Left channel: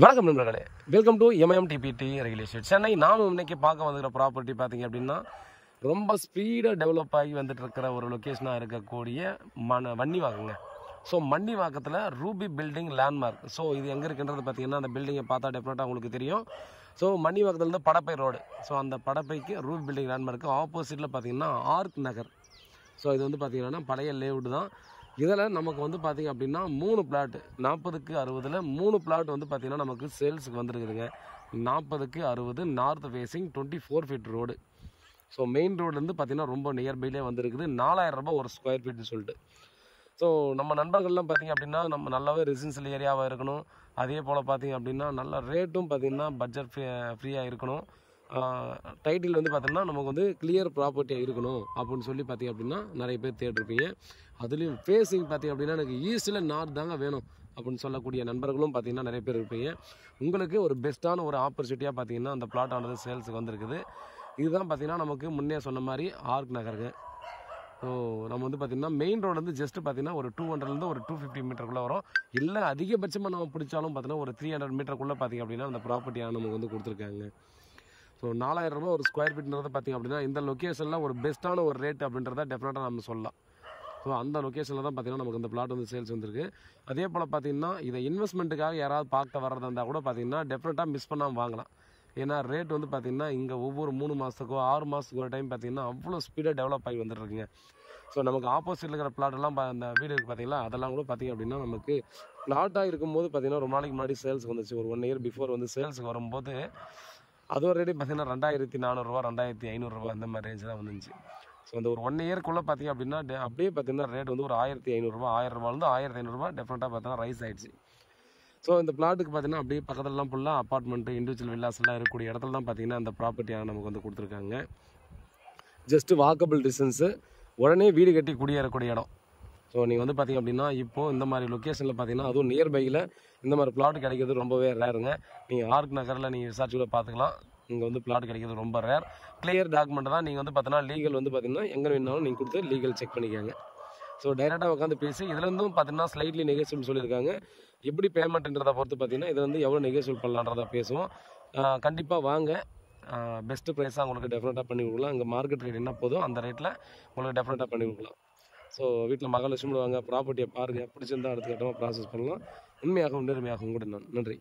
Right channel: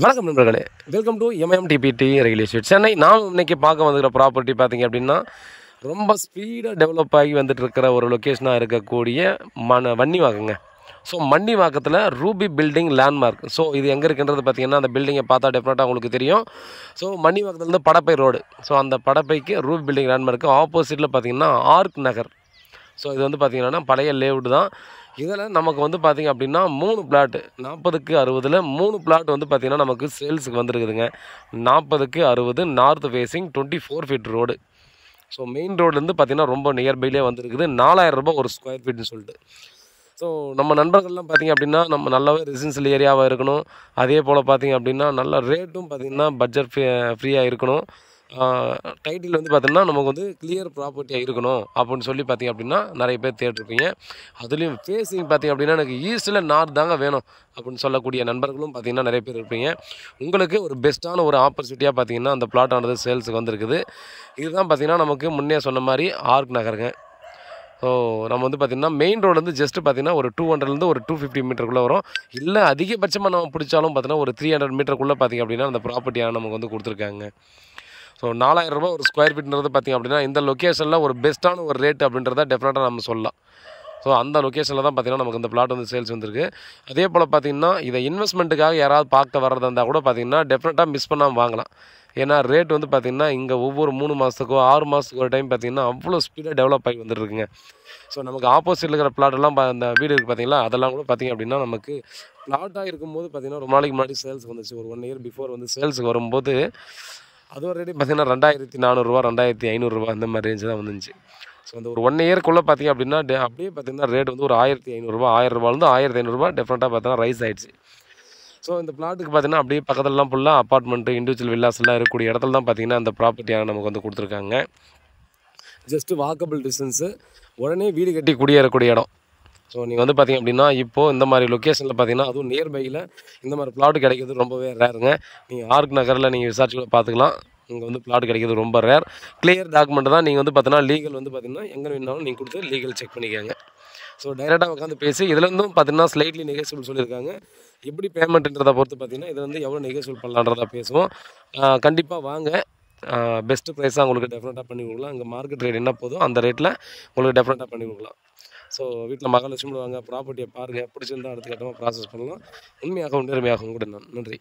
வணக்கம் நண்பர்களே, welcome to MM DBT real estate Chennai. நாம் இன்னைக்கு பார்க்க வந்துக்கிற ப்ராப்பர்ட்டி பார்த்தீங்க அப்படின்னா, ரொம்ப ஸ்பீடாக டெவலப் ஆகி வந்துட்டு இருக்கிற ஒரு லொக்கேஷனாக இருக்கக்கூடிய வன்னிவாக்கங்க. ஸோ மன்னிவாக்கத்தில் ரூபி பில்டிங் லேண்ட்மார்க். ஸோ இது எங்கே இருக்குன்றது பார்த்தீங்கன்னா, அந்த பில்டிங்கை பார்த்தா டெஃபினட்டாக உங்களுக்கு தெரியும். ஸோ மன்னிவாக்கத்துலேருந்து படப்பை ரோடு. ஸோ அந்த படப்பைக்கு ரூபி பில்டிங் லேண்ட்மார்க்கு ஆப்போசிட்டில் பார்த்தீங்கன்னா ஆர்க் நகர். ஸோ இது வந்து பார்த்திங்கன்னா பழைய லேஅவுட் தான். இதில் நமக்கு வந்து பார்த்திங்க அப்படின்னா 3 பிளாட்டு 40க்கு 60 3 பிளாட் வந்து பார்த்திங்கன்னா நமக்கு சேல்ஸுக்கு வந்துருக்குதுங்க. 40க்கு 60 north facing 24 feet road. So main ரோட்லேருந்து பார்த்திங்கன்னா ரொம்ப நியர்பைலே வந்துருக்குது. 4000 ரூபாய் ஒரு ஸ்கொயர் ஃபீட்னு சொல்லிட்டு. ஸோ நம்ம நண்பர்கள்லாம் பார்த்திங்க அப்படின்னா நம்ம நல்லாவே ரெசிடென்ஷியல் ஏரியாவாக இருக்கணும். அதே போல் பார்த்திங்க அப்படின்னா நல்ல ரேட்டும் பார்த்திங்கன்னா பட்ஜெட் ஃப்ரீயாக இருக்கணும். டைட்டில் வந்து பார்த்திங்கன்னா நமக்கு வந்து கிளியர் ப்ராப்பர்ட்டியாக இருக்கணும் அப்படின்னு சொல்லி பார்த்திங்க அப்படின்னா நிறைய பேர் தேடிருப்பீங்க. அதுலேயும் ஃபேஸிங் பார்த்திங்க அப்படின்னா எனக்கு ஈஸ்ட்டில் நார்த் தாங்க வேணும் அப்படின்னு சொல்லக்கூடிய நண்பர்களும் பார்த்திங்கன்னா நிறைய பேர் இருப்பீங்க. உங்களுக்கு ஒரு பெஸ்ட்டான ஒரு ஆப்பர்ச்சுனிட்டியாக பார்த்திங்கன்னா அந்த பிளாட் ஆனது சேல்ஸுக்கு வந்திருக்குது. இதுதான் பார்த்திங்கன்னா நமக்கு முன்னே சொன்ன மாதிரி ஆர்க் நகருங்க. ஸோ நம்ம வந்து பார்த்திங்கன்னா மெயின் ரோடு வந்து ஜஸ்ட்டு பார்த்திங்கன்னா ஒரு 200லேருந்து ஒரு 250 மீட்டருக்குள்ளே வரும். இல்லை அதிகபட்சமாக நம்ம பிடிச்சாலும் பார்த்திங்கன்னா ஒரு 300 மீட்டருக்குள்ளே பார்த்திங்க அப்படின்னா அந்த ப்ராப்பர்ட்டியாக நமக்கு வந்து கொடுத்துருக்காங்க. ஸோ 4000 ரூபாய் ஒரு ஸ்கொயர் ஃபீட்ன்றது பார்த்திங்க அப்படின்னா இந்த லொக்கேஷனில் ஒரு பெஸ்ட்டான ஒரு ரேட் அப்படின்றத டெஃபினட்டாக நம்ம சொல்லலாம். ஸோ அந்த லொக்கேஷனில் தான் பார்த்திங்கன்னா நமக்கு இந்த பிளாட் வந்து சேல்ஸ் வந்திருக்கு. அதே போல் பார்த்திங்கன்னா இதை இன்வெஸ்ட்மெண்ட்டுக்காக யாராவது பார்க்க வர்றதா இருந்தால் கூட பார்த்திங்கன்னா டெஃபினட்டாக மிஸ் பண்ணாமல் வாங்கலாம். ஏன்னா ரேட் வந்து பார்த்திங்கன்னா இங்கே ஒவ்வொரு 3 மாதத்துக்கோ 6 மாதத்துக்கு ஒரு டைம் பார்த்திங்கன்னா அவ்வளோ ஸ்பீடாக டெவலப் ஆகி வந்துருக்குங்க. ஸோ நமக்கு ஆப்போசிட்டில் இருக்கிற பிளாட்டெல்லாம் அந்த வீடு இருக்குது பார்த்திங்களா, அதெல்லாம் கூட பார்த்திங்க அப்படின்னா நமக்கு பிளாட்டாக இருக்கும்போது பார்த்திங்கன்னா ரொம்ப நாளைக்கு முன்னாடி சேல்ஸ் வந்துச்சு. ஒரு 1 இயர் பிஃபோர் வந்து சேல்ஸுக்கு வரும்போது அது ஒரு ரேட்டு பார்த்திங்கன்னா 2400 ரூபா 2500 ரூபா அந்த மாதிரி ரேஞ்சு தான் வந்துச்சு. ஸோ அந்த ஒரு 1 இயர்க்குள்ளே பார்த்திங்க அப்படின்னா அப்படியே பார்த்திங்கன்னா ரேட் வந்து ஒரு 1500 ரூபா 1000 ரூபாலேருந்து 1500 ரூபா டெஃபினட்டாக பார்த்தீங்கன்னா ரைஸ் ஆகிடுச்சு. ஸோ இந்த பிளாட்டுக்கு பார்த்திங்கன்னா அப்படியே பக்கத்துலலாம் ஃபுல்லாக அப்பார்ட்மெண்ட்டு இண்டிவிஜுவல் வில்லாஸ் எல்லாம் இருக்கக்கூடிய இடத்துல தான் பார்த்திங்கன்னா அந்த ப்ராப்பர்ட்டியாக நமக்கு வந்து கொடுத்துருக்காங்க. ஜஸ்ட்டு வாக்கபிள் டிஸ்டன்ஸு, உடனே வீடு கட்டி குடியேறக்கூடிய இடம். ஸோ நீங்கள் வந்து பார்த்திங்க அப்படின்னா இப்போது இந்த மாதிரி லொக்கேஷனில் பார்த்திங்கன்னா அதுவும் நியர்பையில் இந்த மாதிரி பிளாட்டு கிடைக்கிறது ரொம்பவே ரேருங்க. நீங்கள் ஆர்க் நகரில் நீங்கள் விசாரிச்சு கூட பார்த்துக்கலாம். இங்கே வந்து பிளாட் கிடைக்கிறது ரொம்ப ரேர். கிளியர் டாக்குமெண்ட் தான். நீங்கள் வந்து பார்த்தீங்கன்னா லீகல் வந்து பார்த்திங்கன்னா எங்கே வேணாலும் நீங்கள் கொடுத்து லீகல் செக் பண்ணிக்கோங்க. ஸோ டைரெக்டாக உட்காந்து பேசி இதில் இருந்தும் பார்த்திங்கன்னா ஸ்லைட்லி நெகோசியபிள் சொல்லியிருக்காங்க. எப்படி பேமெண்ட்டுன்றதை பொறுத்து பார்த்திங்கன்னா இதில் வந்து எவ்வளோ நெகோசியபிள் பண்ணலான்றதை பேசுவோம். கண்டிப்பாக வாங்க. பெஸ்ட்டு ப்ரைஸாக உங்களுக்கு டெஃபினட்டாக பண்ணி கொடுக்கலாம். இங்கே மார்க்கெட் ரேட் என்ன போதும் அந்த ரேட்டில் உங்களுக்கு டெஃபினட்டாக பண்ணி கொடுக்கலாம். ஸோ வீட்டில் மகாலட்சுமி வாங்க, ப்ராப்பர்ட்டியை பாருங்கள், பிடிச்சிருந்தால் அடுத்த கட்டமாக ப்ராசஸ் பண்ணலாம். உண்மையாகவும் நேர்மையாகவும் கூட நன்றி.